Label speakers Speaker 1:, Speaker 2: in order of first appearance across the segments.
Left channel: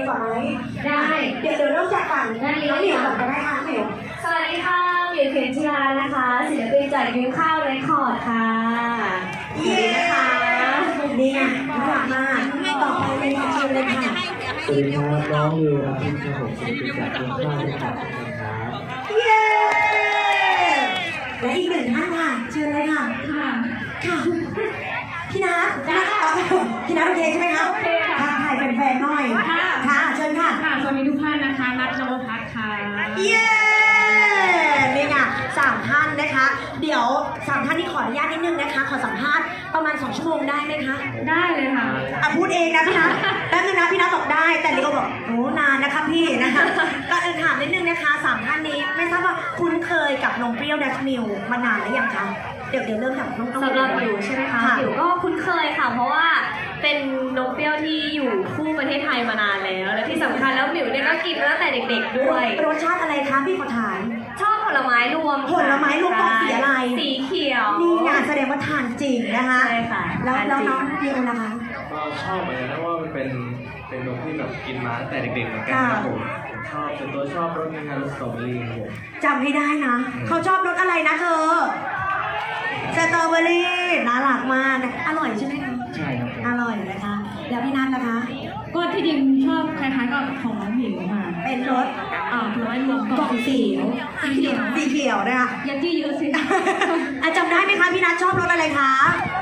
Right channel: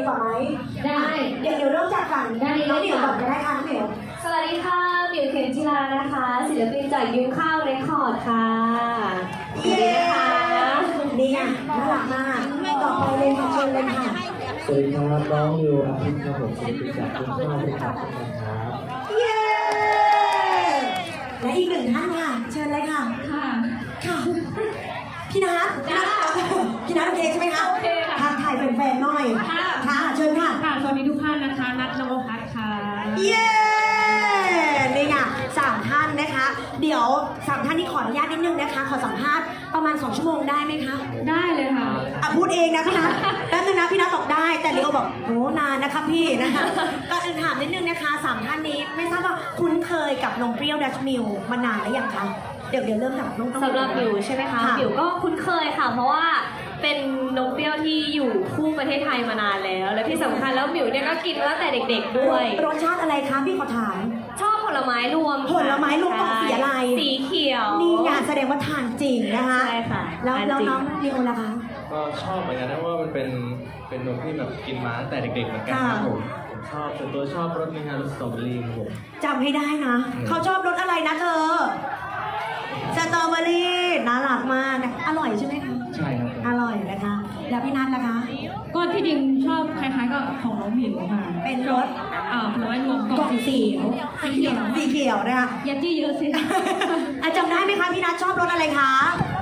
Speaker 1: ก่อนไหม
Speaker 2: ได้
Speaker 1: เดี๋ยวเริ่มจากฝั่งน้องหมิวก่อนก็ได้ค่ะน้องหมิว
Speaker 2: สวัสดีค่ะหมิวเข็มจีรานะคะศิลปินจากยุ้งข้าวเรคคอร์ดค่ะสวัสดีนะคะ
Speaker 1: ดีค่ะน่ารักมากต่อไปเลยค่ะเชิญเลยค่ะ
Speaker 3: สวัสดีครับน้องวิวอาทิตย์ครับผมศิลปินจากคุณพ่อที่ขับนะครับ
Speaker 1: เย้และอีกหนึ่งท่านค่ะเชิญเลยค่ะค่ะพี่นัทโอเคใช่ไหมคะ
Speaker 4: โอเคค่ะ
Speaker 1: ทักทายแฟนๆหน่อยค่ะเชิญค่ะ
Speaker 4: สวัสดีทุกท่านนะคะนัทนวพัฒน์ค่ะ
Speaker 1: เย้นี่ไง3 ท่านนะคะเดี๋ยว3 ท่านนี้ขออนุญาตนิดนึงนะคะขอสัมภาษณ์ประมาณ2 ชั่วโมงได้ไหมคะ
Speaker 4: ได้เลยค่ะ
Speaker 1: พูดเองนะพี่นัทแป๊บนึงนะพี่นัทบอกได้แต่เดี๋ยวบอกโอ้นานนะคะพี่นะคะก็ถามนิดนึงนะคะ3 ท่านนี้ไม่ทราบว่าคุ้นเคยกับนมเปรี้ยวดัชมิลมานานหรือยังคะเดี๋ยวเริ่มจากน้อง
Speaker 2: สำหรับหมิวใช่ไหมคะหมิวก็คุ้นเคยค่ะเพราะว่าเป็นนมเปรี้ยวที่อยู่คู่ประเทศไทยมานานแล้วและที่สำคัญแล้วหมิวเนี่ยก็กินมาตั้งแต่เด็กๆด้วย
Speaker 1: รสชาติอะไรคะพี่ขอถาม
Speaker 2: ชอบผลไม้รวม
Speaker 1: ผลไม้รวมสีอะไร
Speaker 2: สีเขียว
Speaker 1: นี่งานแสดงว่าทานจริงนะคะ
Speaker 2: ใช่ค่ะ
Speaker 1: แล้วน้องมีอะไรนะคะ
Speaker 3: ก็ชอบเหมือนกันเพราะว่ามันเป็นนมที่แบบกินมาตั้งแต่เด็กๆเหมือนกันครับผมชอบส่วนตัวชอบรสนึงครับรสสตรอเบอรี่ครับผม
Speaker 1: จำให้ได้นะเขาชอบรสอะไรนะเธอสตรอเบอรี่น่ารักมากอร่อยใช่ไหมคะ
Speaker 3: ใช่ครับ
Speaker 1: อร่อยนะคะแล้วพี่นัทนะคะ
Speaker 4: ก็ที่จริงชอบคล้ายๆกับของน้องหมิวค่ะ
Speaker 1: เป็นรส
Speaker 4: ผลไม้รวมกล่องสีเ
Speaker 1: ขียวนะคะ
Speaker 4: ยัดจี้เยอะสิ
Speaker 1: จำได้ไหมคะพี่นัทชอบรสอะไรคะ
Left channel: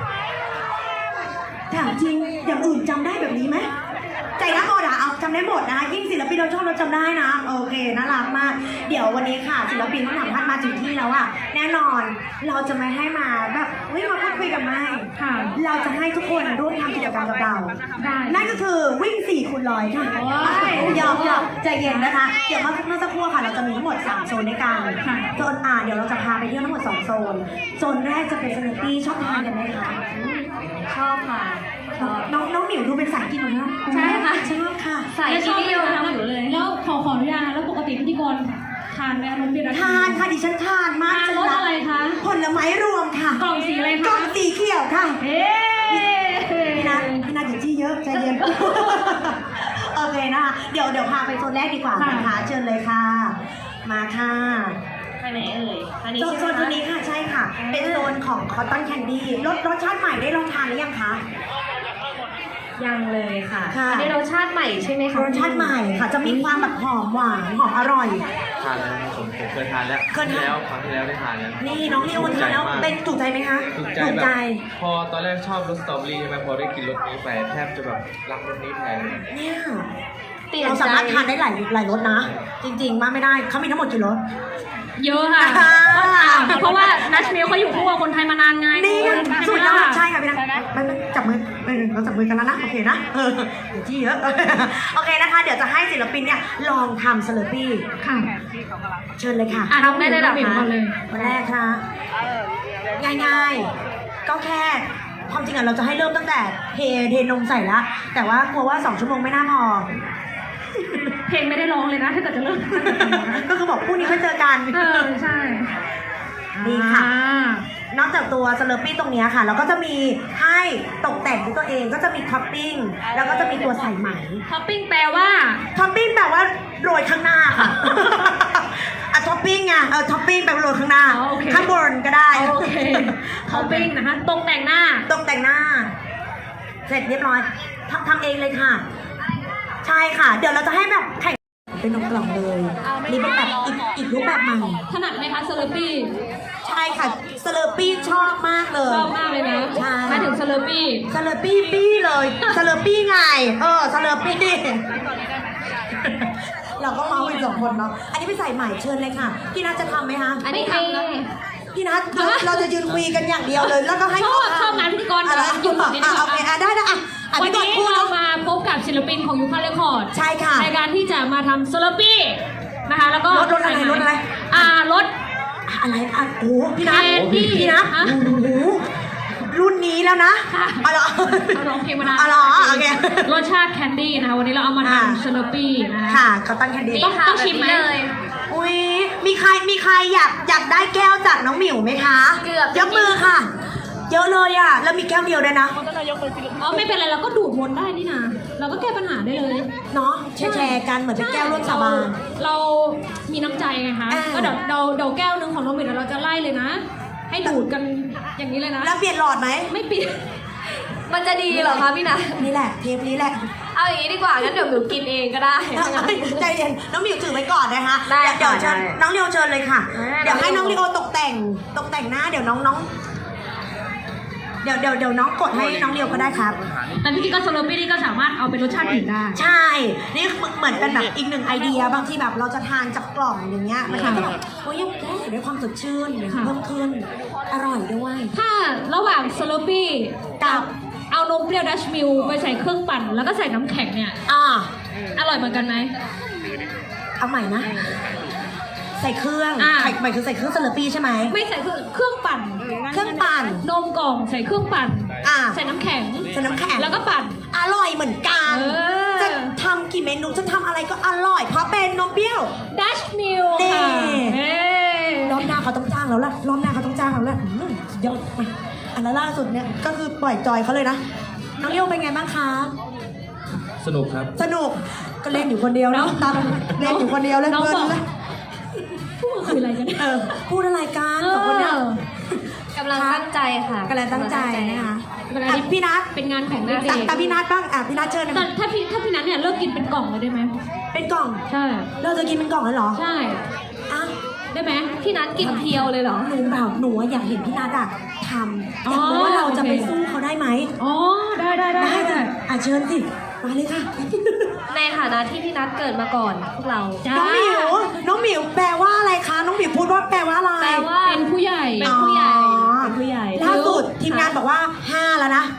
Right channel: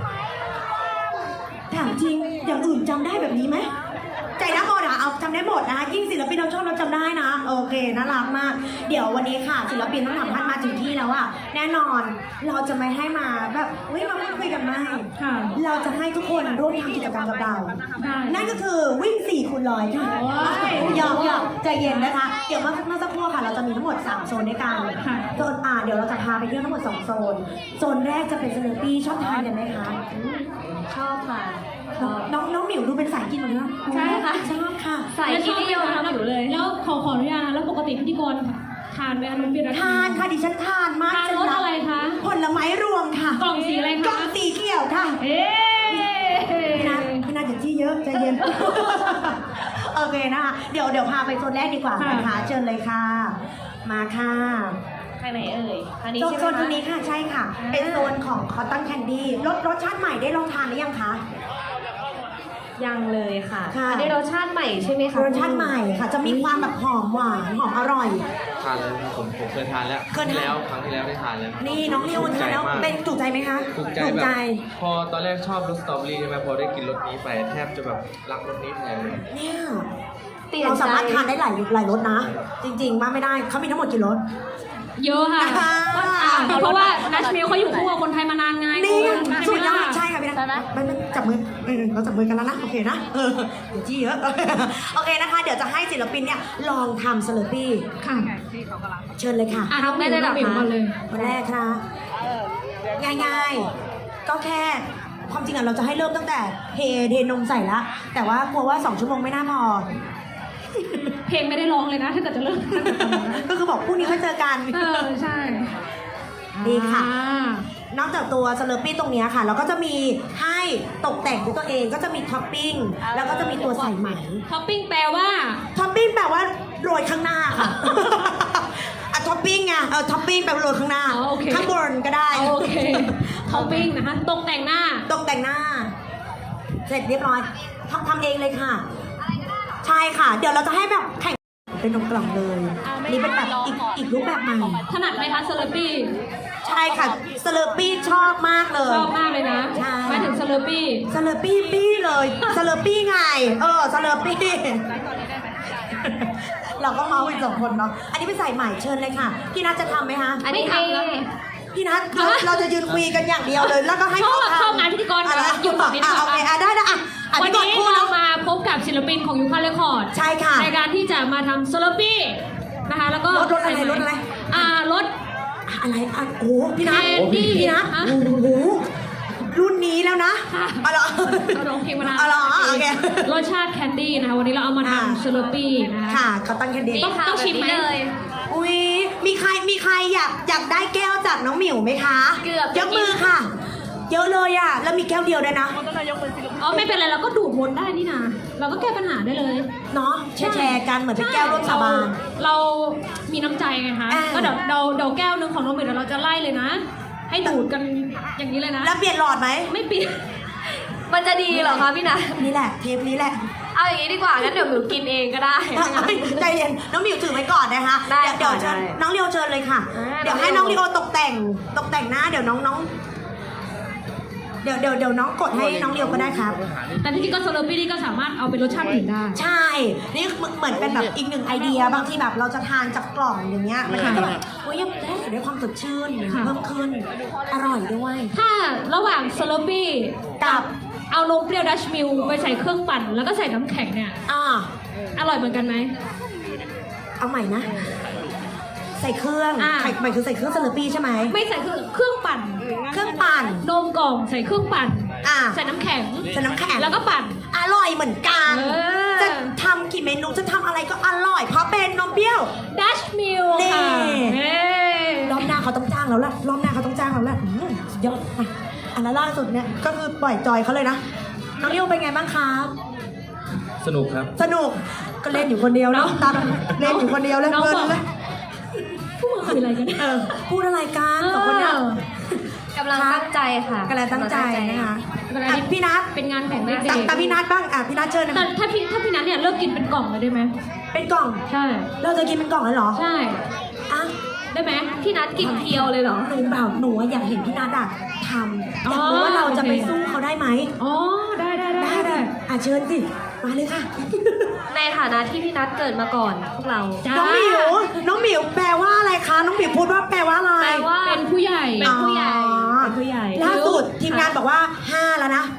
Speaker 1: ถามจริงอย่างอื่นจำได้แบบนี้ไหมใจนักหมดเอาจำได้หมดนะยิ่งศิลปินเราชอบเราจำได้นะโอเคน่ารักมากเดี๋ยววันนี้ค่ะศิลปินทั้งสองท่านมาถึงที่แล้วอะแน่นอนเราจะไม่ให้มาแบบเฮ้ยมาพูดคุยกันไม่เราจะให้ทุกคนร่วมทำกิจกรรมกับเรานั่นก็คือวิ่ง4x100ค่ะยอมใจเย็นนะคะเดี๋ยวเมื่อสักครู่ค่ะเราจะมีทั้งหมด3 โซนด้วยกันโซนเดี๋ยวเราจะพาไปเที่ยวทั้งหมด2 โซนโซนแรกจะเป็นสนุกปี้ชอบทานกันไหมคะ
Speaker 2: ชอบค่ะ
Speaker 1: น้องหมิวดูเป็นสายกินเหรอ
Speaker 4: ใช่ค่ะ
Speaker 1: ใช่ค่ะ
Speaker 4: สายกินเดียวกันหมิวเลยแล้วขออนุญาตแล้วปกติพิธีกรทานไหมนมเปรี้ยว
Speaker 1: ทานค่ะดิฉันทานมาก
Speaker 4: ทานรสอะไรคะ
Speaker 1: ผลไม้รวมค่ะ
Speaker 4: กล่องสีอะไรคะ
Speaker 1: กล่องสีเขียวค่ะพี่นัทอย่าจี้เยอะใจเย็นโอเคนะคะเดี๋ยวพาไปโซนแรกดีกว่านะคะเชิญเลยค่ะมาค่ะ
Speaker 2: ไปไหนเอ่ย
Speaker 1: โซนนี้ค่ะใช่ค่ะเป็นโซนของคอตตอนแคนดี้รสชาติใหม่ได้ลองทานหรือยังคะ
Speaker 2: ยังเลยค่ะอันนี้รสชาติใหม่ใช่ไหมคะ
Speaker 1: รสชาติใหม่ค่ะจะมีความแบบหอมหวานหอมอร่อย
Speaker 3: ทานแล้วผมเคยทานแล้วครั้งที่แล้วได้ทานแล้ว
Speaker 1: นี่น้องนิวทานแล้วเป็นถูกใจไหมคะ
Speaker 3: ถูกใจแบบพอตอนแรกชอบรสสตรอเบอรี่ใช่ไหมพอได้กินรสนี้ไปแทบจะแบบรักรสนี้แทนเลย
Speaker 1: เนี่ยเราสามารถทานได้หลายรสนะจริงๆว่าไม่ได้เขามีทั้งหมดกี่รส
Speaker 4: เยอะค่ะเพราะว่านัชมิลเขาอยู่คู่กับคนไทยมานานไง
Speaker 1: นี่สุดยอดใช่ค่ะพี่นัทจับมือเราจับมือกันแล้วนะโอเคนะเดี๋ยวจี้เยอะโอเคนะคะเดี๋ยวจะให้ศิลปินเนี่ยลองทำสลัดปี้
Speaker 4: ค่ะ
Speaker 1: เชิญเลยค่ะ
Speaker 4: ทำได้เลยนะ
Speaker 1: วันแรกค่ะง่ายๆก็แค่ความจริงเราจะให้เริ่มตั้งแต่เทนมใส่ละแต่ว่ากลัวว่า2 ชั่วโมงไม่น่าพอ
Speaker 4: เพลงไม่ได้ร้องเลยนะถ้าเกิดจะเริ่ม
Speaker 1: ก็คือบอกพรุ่งนี้ค่อยเจอกัน
Speaker 4: ใช่
Speaker 1: ดีค่ะนอกจากตัวสเลอร์ปี้ตรงนี้ค่ะเราก็จะมีให้ตกแต่งด้วยตัวเองก็จะมีท็อปปิ้งแล้วก็จะมีตัวใส่ไหม
Speaker 4: ท็อปปิ้งแปลว่า
Speaker 1: ท็อปปิ้งแปลว่าโรยข้างหน้าค่ะท็อปปิ้งไงท็อปปิ้งแปลว่าโรยข้างหน้าข้างบนก็ได้
Speaker 4: โอเคท็อปปิ้งนะคะตกแต่งหน้า
Speaker 1: เสร็จเรียบร้อยทำเองเลยค่ะใช่ค่ะเดี๋ยวเราจะให้แบบแข่งเป็นกล่องเลยนี่เป็นแบบอีกรูปแบบใหม่
Speaker 4: ถนัดไหมคะสเลอร์ปี้
Speaker 1: ใช่ค่ะสเลอร์ปี้ชอบมากเลย
Speaker 4: ชอบมากเลยนะหมายถึงสเลอร์ปี้
Speaker 1: ปี้เลยสเลอร์ปี้ไงสเลอร์ปี้เราก็เมาอีก2 คนเนาะอันนี้ไปใส่ใหม่เชิญเลยค่ะพี่นัทจะทำไหมคะ
Speaker 2: อันนี้ให้
Speaker 1: พี่นัทเราจะยืนคุยกันอย่างเดียวเลยแล้วก็ให้
Speaker 4: ชอบงานพิธีกร
Speaker 1: หยุดก่อนโอเคได้
Speaker 4: วันนี้เรามาพบกับศิลปินของยูคาเรคคอร์ด
Speaker 1: ใช่ค่ะ
Speaker 4: ในการที่จะมาทำสเลอร์ปี้นะคะแล้วก็
Speaker 1: รถอะไร
Speaker 4: รถอะไร
Speaker 1: โอ้พี่นัทโอ้โหรุ่นนี้แล้วนะ
Speaker 4: เราร้องเพลงมานาน
Speaker 1: โอเค
Speaker 4: รสชาติแคนดี้นะคะวันนี้เราเอามาทำสเลอร์ปี้นะคะ
Speaker 1: ค่ะเขาตั้งแคนดี้
Speaker 4: ต้องชิมไหม
Speaker 1: อุ้ยมีใครอยากได้แก้วจากน้องหมิวไหมคะ
Speaker 2: เกือบ
Speaker 1: ยกมือค่ะเยอะเลยอ่ะ แล้วมีแก้วเดียวด้วยนะ
Speaker 4: ไม่เป็นไรเราก็ดูดวนได้นี่นะเราก็แก้ปัญหาได้เลย
Speaker 1: เนาะแชร์กันเหมือนเป็นแก้วร่วมสาบาน
Speaker 4: เรามีน้ำใจไงคะ
Speaker 1: อ่า
Speaker 4: ก็เดี๋ยวแก้วนึงของน้องหมิวเดี๋ยวเราจะไล่เลยนะ ให้ดูดกันอย่างนี้เลยนะ
Speaker 1: แล้วเปลี่ยนหลอดไหม
Speaker 4: ไม่ปิด
Speaker 2: มันจะดีเหรอคะพี่นัท
Speaker 1: นี่แหละเทปนี้แหละ
Speaker 2: เอาอย่างนี้ดีกว่างั้นเดี๋ยวหมิวกินเองก็ได้
Speaker 1: ใจเย็นน้องหมิวถือไว้ก่อนนะคะ
Speaker 2: ได้
Speaker 1: เดี๋ยวเชิญ
Speaker 2: ได้
Speaker 1: น้องเรียวเชิญเลยค่ะ เดี๋ยวให้น้องเรียวตกแต่งหน้าเดี๋ยวน้องเดี๋ยวน้องกดให้น้องเรียวก็ได้ครับ
Speaker 4: แต่พี่กิ๊กกับสโลปี้นี่ก็สามารถเอาเป็นรสชาติอื่นได้
Speaker 1: ใช่ นี่เหมือนเป็นแบบอีกหนึ่งไอเดียบางที่แบบเราจะทานจากกล่องอย่างเงี้ยมันก็แบบโอ้ยยังได้ด้วยความสดชื่น
Speaker 4: ค่ะ
Speaker 1: เพิ่มขึ้นอร่อยด้วย
Speaker 4: ถ้าระหว่างสโลปี้กับเอานมเปรี้ยวดัชมิลไปใส่เครื่องปั่นแล้วก็ใส่น้ำแข็งเนี่ย
Speaker 1: อ่า
Speaker 4: อร่อยเหมือนกันไหม
Speaker 1: เอาใหม่นะ ใส่เครื่อง
Speaker 4: อ่า
Speaker 1: หมายคือใส่เครื่องสลัดปี้ใช่ไหม
Speaker 4: ไม่ใส่เครื่องปั่น
Speaker 1: เครื่องปั่น
Speaker 4: นมกล่องใส่เครื่องปั่น
Speaker 1: อ่า
Speaker 4: ใส่น้ำแข็ง
Speaker 1: ใส่น้ำแข็ง
Speaker 4: แล้วก็ปั่น
Speaker 1: อร่อยเหมือนกัน
Speaker 4: เออ
Speaker 1: จะทำกี่เมนูจะทำอะไรก็อร่อย เพราะเป็นนมเปรี้ยว
Speaker 4: ดัชมิล
Speaker 1: นี่
Speaker 4: ค่ะเฮ้
Speaker 1: รอบหน้าเขาต้องจ้างแล้วล่ะรอบหน้าเขาต้องจ้างแล้วล่ะสุดยอดอ่ะอันนั้นล่าสุดเนี่ยก็คือปล่อยจอยเขาเลยนะน้องเลี้ยวเป็นไงบ้างคะ
Speaker 3: สนุกครับ
Speaker 1: สนุกก็เล่นอยู่คนเดียวนะตามเล่นอยู่คนเดียวเล่น
Speaker 4: น้อง
Speaker 1: เพลิ
Speaker 4: บอก
Speaker 1: นเลย
Speaker 4: พวกมึงคุยอะไรกันเนี่ย
Speaker 1: พูดอะไรกันสองคนเนี่ย
Speaker 2: กำลังตั้งใจค่ะ
Speaker 1: กำลังตั้งใจนะคะ
Speaker 4: เวลา
Speaker 1: อ่ะพี่นัท
Speaker 4: เป็นงานของเด็ก
Speaker 1: ตามพี่นัทบ้างอ่ะพี่นัทเชิญนะ
Speaker 4: แต่ถ้าพี่นัทเนี่ยเลิกกินเป็นกล่องเลยได้ไหม
Speaker 1: เป็นกล่อง
Speaker 4: ใช่
Speaker 1: เราจะกินเป็นกล่องเลยเหรอ
Speaker 4: ใช่
Speaker 1: อ่ะ
Speaker 4: ได้ไหม
Speaker 2: พี่นัทกินเพียวเลยเหรอ
Speaker 1: หนูอะอยากเห็นพี่นัทอะทำอยากรู้ว่าเราจะไปสู้เขาได้ไหม
Speaker 4: อ๋อได้ได้
Speaker 1: อ่ะเชิญสิมาเลยค่ะ
Speaker 2: ในฐานะที่พี่นัทเกิดมาก่อนพวกเรา
Speaker 4: จ้า
Speaker 1: น้องหมิวน้องหมิวแปลว่าอะไรคะน้องหมิวพูดว่าแปลว่าอะไร
Speaker 2: แปลว่า
Speaker 4: เป็นผู้ใหญ่
Speaker 2: เป็นผู้ใหญ่
Speaker 1: อ๋อ
Speaker 4: เป็นผู้ใหญ่
Speaker 1: ล่าสุดทีมงานบอกว่า5แล้วนะ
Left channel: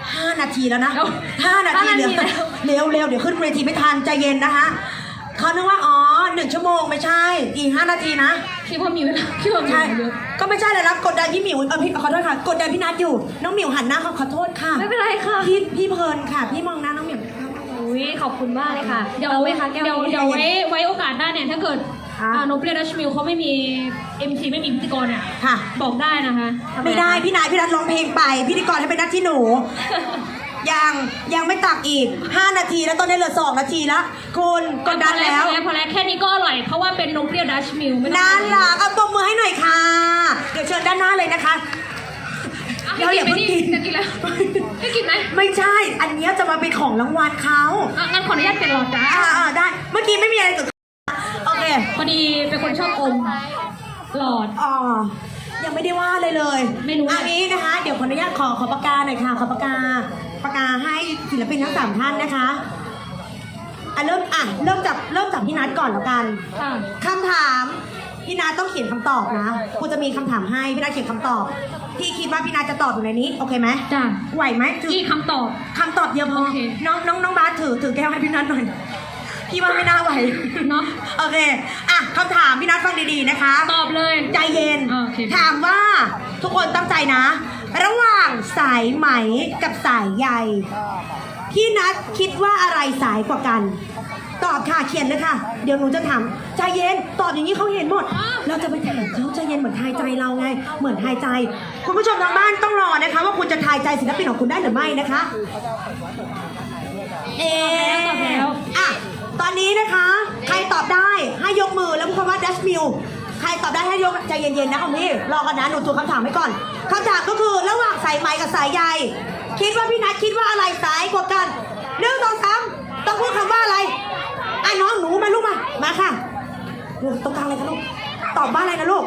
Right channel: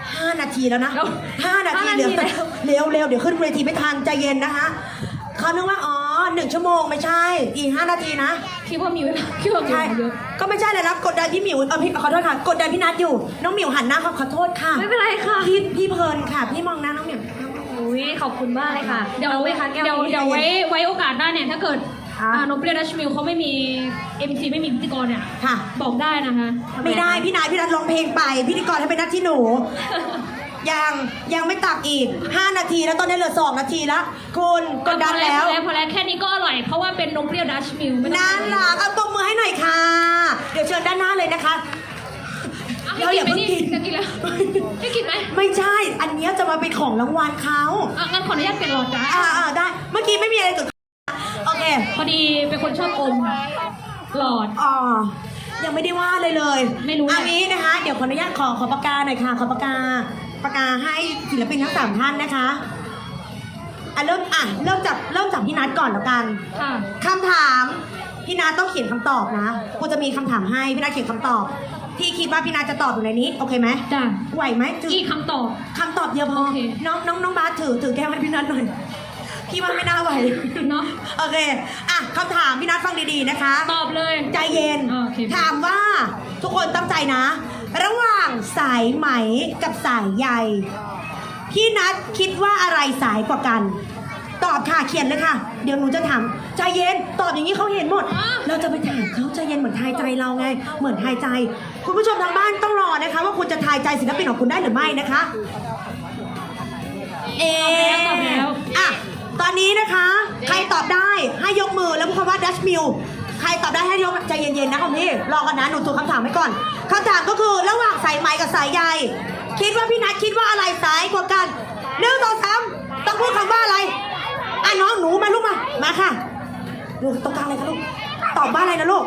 Speaker 1: 5 นาทีแล้วนะ5 นาที
Speaker 2: 5 นาทีแล้ว
Speaker 1: เร็วเดี๋ยวขึ้นเวทีไม่ทันใจเย็นนะคะเขานึกว่า1 ชั่วโมงไม่ใช่อีก5 นาทีนะ
Speaker 4: คิดว่ามิวคิดว่ามิว
Speaker 1: ใช่
Speaker 4: เยอะ
Speaker 1: ก็ไม่ใช่เลยนะกดดันพี่หมิวพี่ขอโทษค่ะกดดันพี่นัทอยู่น้องหมิวหันหน้าเขาขอโทษค่ะ
Speaker 2: ไม่เป็นไรค่ะ
Speaker 1: พี่เพลินค่ะ พี่มองหน้าน้องหมิว
Speaker 2: อุ้ยขอบคุณมากเลยค่ะ
Speaker 4: เดี๋ยว
Speaker 2: อาไหมคะแก้ว
Speaker 4: เดี๋ยวไว้โอกาสหน้าเนี่ยถ้าเกิด
Speaker 1: ค่ะ
Speaker 4: นมเปรี้ยวดัชมิลเขาไม่มี MC ไม่มีพิธีกรเนี่ย
Speaker 1: ค่ะ
Speaker 4: บอกได้นะคะ
Speaker 1: ไม่ได้พี่นัทร้องเพลงไปพิธีกรให้เป็นหน้าที่หนู ยังไม่ตักอีก5 นาทีแล้วตอนนี้เหลือ2 นาทีแล้วคุณกดดันแล้ว
Speaker 4: พอแล้วแค่นี้ก็อร่อยเพราะว่าเป็นนมเปรี้ยวดัชมิลไม่ต้
Speaker 1: นั่
Speaker 4: อง
Speaker 1: นล่ะเอาตัวมือให้หน่อยค่ะ เดี๋ยวเชิญด้านหน้าเลยนะคะ
Speaker 4: เดี๋
Speaker 1: เดี๋ยวอย่าเพิ่งกิน
Speaker 4: จะกินแล้วได้กินไหม
Speaker 1: ไม่ใช่ อันเนี้ยจะมาเป็นของรางวัลเขา
Speaker 4: งั้นขออนุญาตเป็นหลอดจ้า
Speaker 1: ได้ เมื่อกี้ไม่มีอะไรเกิดขึ้นโอเค
Speaker 4: พอดีเป็นคนชอบอมหลอด
Speaker 1: อ๋อยังไม่ได้ว่าเลยเลย
Speaker 4: ไม่รู้
Speaker 1: อันนี้นะคะ เดี๋ยวขออนุญาตขอปากกาหน่อยค่ะ ขอปากกาให้ศิลปินทั้ง3 ท่านนะคะเริ่มจากพี่นัทก่อนแล้วกัน
Speaker 4: ค่ะ
Speaker 1: คำถามพี่นัทต้องเขียนคำตอบนะกูจะมีคำถามให้พี่นัทเขียนคำตอบพี่คิดว่าพี่นัทจะตอบอยู่ในนี้โอเคไหม
Speaker 4: จ้ะ
Speaker 1: ไหวไหมถือ
Speaker 4: กี่คำตอบ
Speaker 1: คำตอบเดียวพอ
Speaker 4: โอเค
Speaker 1: น้องบาสถือแก้วให้พี่นัทหน่อยพี่ว่าไม่น่าไหว
Speaker 4: เนาะ
Speaker 1: โอเคคำถามพี่นัทฟังดีๆนะคะ
Speaker 4: ตอบเลย
Speaker 1: ใจเย็น
Speaker 4: โอเค
Speaker 1: ถามว่าทุกคนตั้งใจนะ ระหว่างสายไหมกับสายใยพี่นัทคิดว่าอะไรสายกว่ากัน ตอบค่ะเขียนเลยค่ะ เดี๋ยวหนูจะถามใจเย็นตอบอย่างนี้เขาเห็นหมด เราจะไปถามเขาใจเย็นเหมือนทายใจเราไง เหมือนทายใจ คุณผู้ชมทางบ้านต้องรอนะคะ ว่าคุณจะทายใจศิลปินของคุณได้หรือไม่นะคะ ตอนนี้นะคะ ใครตอบได้ให้ยกมือแล้วพูดคำว่าดัชมิลใครตอบได้ให้ยกใจเย็นๆนะคุณพี่รอกันนะหนูตัวคำถามไว้ก่อนคำถามก็คือระหว่างสายไหมกับสายใยคิดว่าพี่นัทคิดว่าอะไรสายกว่ากัน1 2 3ต้องพูดคำว่าอะไรน้องหนูมาลูกมาค่ะลูกต้องการอะไรคะลูกตอบว่าอะไรนะลูก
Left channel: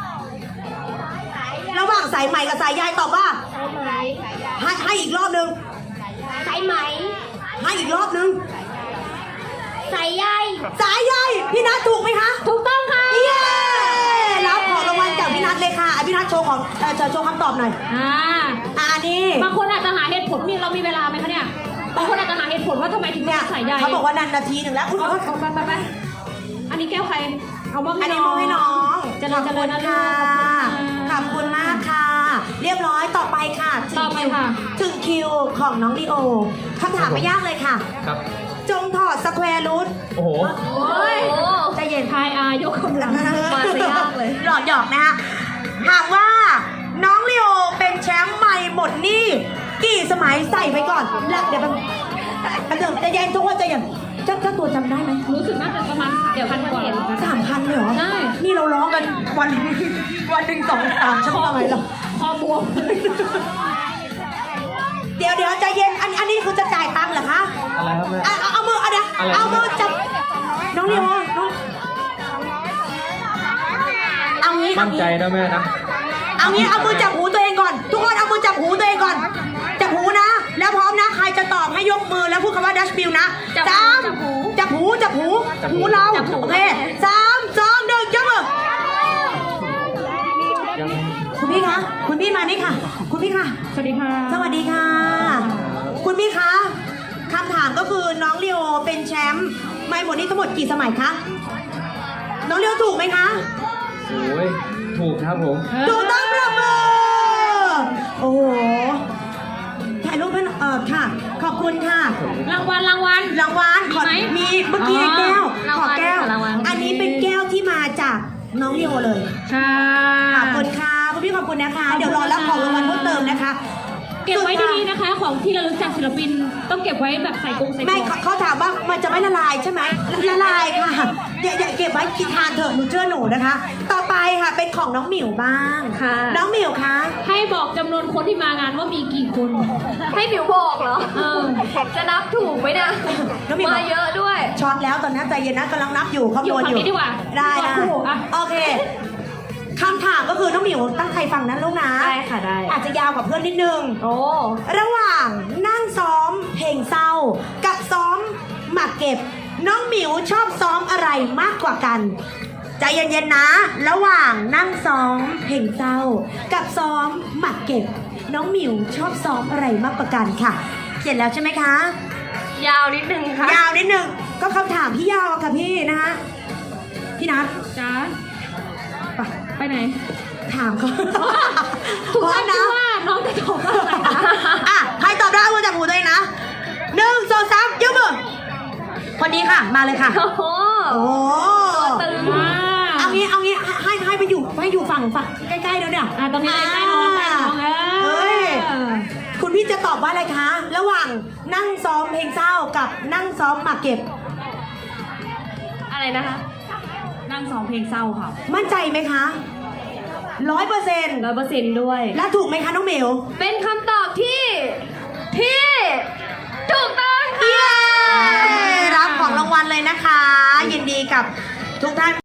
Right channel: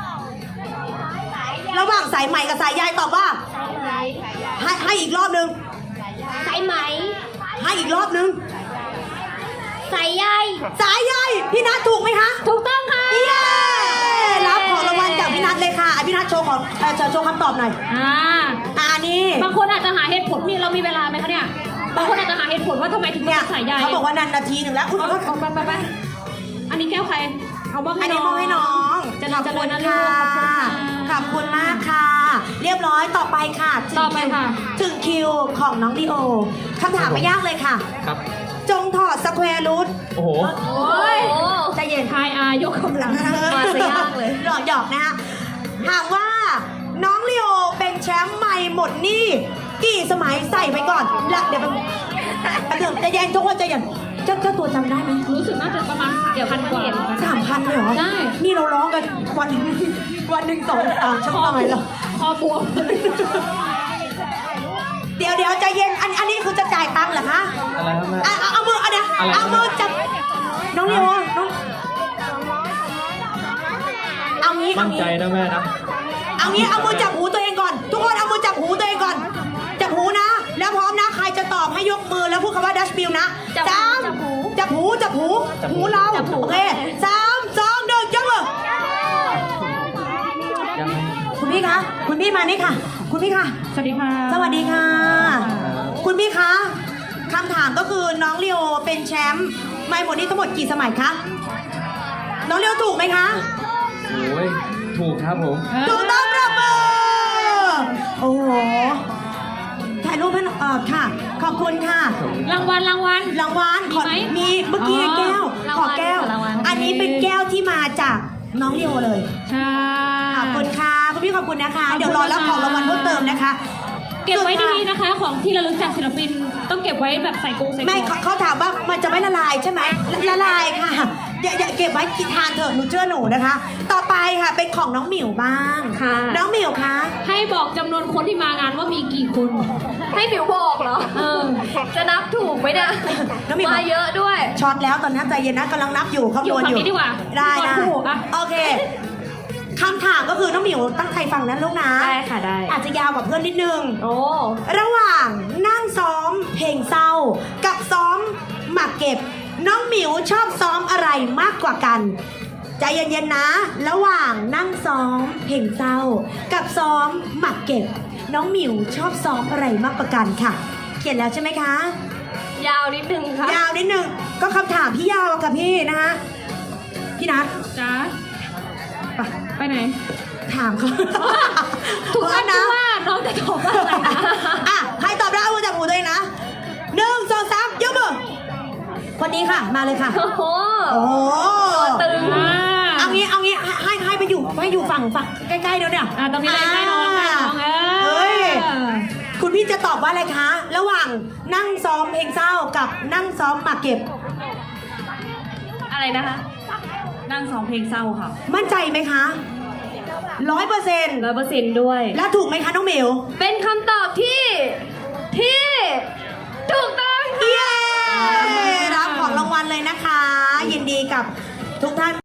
Speaker 1: ระหว่างสายไหมกับสายใยตอบว่าให้อีกรอบนึง
Speaker 2: สายไหม
Speaker 1: ให้อีกรอบนึง
Speaker 2: สายใย
Speaker 1: สายใยพี่นัทถูกไหมคะ
Speaker 2: ถูกต้องค่ะ
Speaker 1: เย้รับของรางวัลจากพี่นัทเลยค่ะพี่นัทโชว์โชว์คำตอบหน่อยนี่
Speaker 4: บางคนอาจจะหาเหตุผลนี่เรามีเวลาไหมคะเนี่ยบางคนอาจจะหาเหตุผลว่าทำไมถึงเลื
Speaker 1: เนี่
Speaker 4: อย กสายใย
Speaker 1: เขาบอกว่านานนาทีหนึ่งแล้วคุณ
Speaker 4: เอาไปอันนี้แก้วใครเอาบ้าง
Speaker 1: อันนี้มอบให้น้อง
Speaker 4: จะนำเจริญนะลูก
Speaker 1: ขอบคุณมากค่ะ เรียบร้อยต่อไปค่ะถึงคิวของน้องลีโอคำถามไม่ยากเลยค่ะ
Speaker 3: ครับ
Speaker 1: จงถอดสแควร์รูท
Speaker 3: โอ้โห
Speaker 2: โอ้ย
Speaker 1: ใจเย็น
Speaker 4: ทายยกกำลัง
Speaker 2: มาซะยากเลย
Speaker 1: หยอกนะคะถามว่าน้องลีโอเป็นแชมป์ใหม่หมดนี่กี่สมัยใส่ไปก่อนแล้วเดี๋ยวใจเย็นทุกคนใจเย็นเจ้าตัวจำได้ไหม
Speaker 4: รู้สึกน่าจะประมาณเดี๋ยวพันเห็น
Speaker 1: 3,000เลยเหรอ
Speaker 4: ได้
Speaker 1: นี่เราร้องกันวันหนึ่ง2-3ชั่วโมงเลยเหรอพอบวมเดี๋ยวใจเย็นอันนี้คือจะจ่ายตังค์เหรอคะ
Speaker 3: อะไรนะ
Speaker 1: เอามือเอามือจับน้องเรียวเอางี้
Speaker 3: ตั้งใจนะแม่นะ
Speaker 1: เอามือจับหูตัวเองก่อน ทุกคนเอามือจับหูตัวเองก่อนจับหูนะ แล้วพร้อมนะใครจะตอบให้ยกมือแล้วพูดคำว่าดัชมิลนะจับหูเราโอเค3-2-1ยกมือคุณพี่คะคุณพี่มานี่ค่ะ คุณพี่ค่ะ
Speaker 4: สวัสดีค่ะ
Speaker 1: สวัสดีค่ะ คุณพี่คะคำถามก็คือน้องเรียวเป็นแชมป์ไม่หมดนี่ทั้งหมดกี่สมัยคะน้องเรียวถูกไหมคะ
Speaker 3: โอ้ยถูกครับผม
Speaker 1: ถูกต้องประมือโอ้โหถ่ายรูปให้ค่ะ ขอบคุณค่ะ
Speaker 4: รางวัล
Speaker 1: รางวัลขอ
Speaker 4: มีไหม
Speaker 1: มีเมื่อกี้ในแก้ว
Speaker 2: ราง
Speaker 1: ขอ
Speaker 2: วัล
Speaker 1: แก้ว
Speaker 2: รางวัล
Speaker 1: อันนี้เป็นแก้วที่มาจากน้องเรียวเลย
Speaker 4: ค่ะ
Speaker 1: ขอบคุณค่ะคุณพี่ขอบคุณนะคะ เดี๋ยวรอรับของรางวัลเพิ่มเติมนะคะ
Speaker 4: เก็บไว้ดีๆนะคะ ของที่ระลึกจากศิลปินต้องเก็บไว้แบบใส่กรงใส่ก
Speaker 1: ไม่
Speaker 4: ล่อง
Speaker 1: เขาถามว่ามันจะไม่ละลายใช่ไหมละลายค่ะอย่าเก็บไว้กินทานเถอะหนูเชื่อหนูนะคะ ต่อไปค่ะเป็นของน้องหมิวบ้าง
Speaker 2: ค่ะ
Speaker 1: น้องหมิวคะ
Speaker 4: ให้บอกจำนวนคนที่มางานว่ามีกี่คน
Speaker 2: ให้ผิวบอกเหรอ จะนับถูกไหมเนี่ย
Speaker 1: น้องหมิว
Speaker 2: มาเยอะด้วย
Speaker 1: ช็อตแล้วตอนนี้ใจเย็นนะกำลังนับอยู่ข้างบนอยู่
Speaker 4: อยู่ฝั่งนี้ดีกว่า
Speaker 1: ได้นะ
Speaker 4: ถูกอ่ะ
Speaker 1: โอเคคำถามก็คือน้องหมิวตั้งใจฟังนะลูกนะ
Speaker 2: ได้ค่ะได้
Speaker 1: อาจจะยาวกว่าเพื่อนนิดนึง
Speaker 2: โอ้
Speaker 1: ระหว่างนั่งซ้อมเพลงเศร้า กับซ้อมหมากเก็บ น้องหมิวชอบซ้อมอะไรมากกว่ากัน ใจเย็นๆนะ ระหว่างนั่งซ้อมเพลงเศร้า กับซ้อมหมากเก็บ น้องหมิวชอบซ้อมอะไรมากกว่ากันค่ะ เขียนแล้วใช่ไหมคะ
Speaker 2: ยาวนิดนึงค่ะ
Speaker 1: ยาวนิดนึงก็คำถามที่ยาวอะค่ะพี่นะคะพี่นัท
Speaker 4: จ้า
Speaker 1: ไป
Speaker 4: ไปไหน
Speaker 1: ถามเขา
Speaker 4: ทุก
Speaker 1: พร้
Speaker 4: ค
Speaker 1: อม
Speaker 4: นคิ
Speaker 1: นะ
Speaker 4: ดว่าน้องจะตอบว่าอะไรนะ
Speaker 1: อ่ะใครตอบได้เอามือจับหูตัวเองนะ1 2 3ยกมือคนนี้ค่ะ มาเลยค่ะ
Speaker 2: โอ้โห
Speaker 1: โอ้โห
Speaker 2: ตึง
Speaker 1: เอางี้ให้ไปอยู่ฝั่งใกล้ๆเดี๋ยวเนี่ย
Speaker 4: ตรงนี้เลยใกล้น้องใกล้น้อง
Speaker 1: เฮ้ยคุณพี่จะตอบว่าอะไรคะ ระหว่างนั่งซ้อมเพลงเศร้ากับนั่งซ้อมหมากเก็บ
Speaker 2: อะไรนะคะ
Speaker 4: นั่งสองเพลงเศร้าค่ะ
Speaker 1: มั่นใจไหมคะ100%
Speaker 2: 100%ด้วย
Speaker 1: แล้วถูกไหมคะน้องหมิว
Speaker 2: เป็นคำตอบที่ถูกต้องค่ะ
Speaker 1: เย้รับของรางวัลเลยนะคะ ยินดีกับทุกท่าน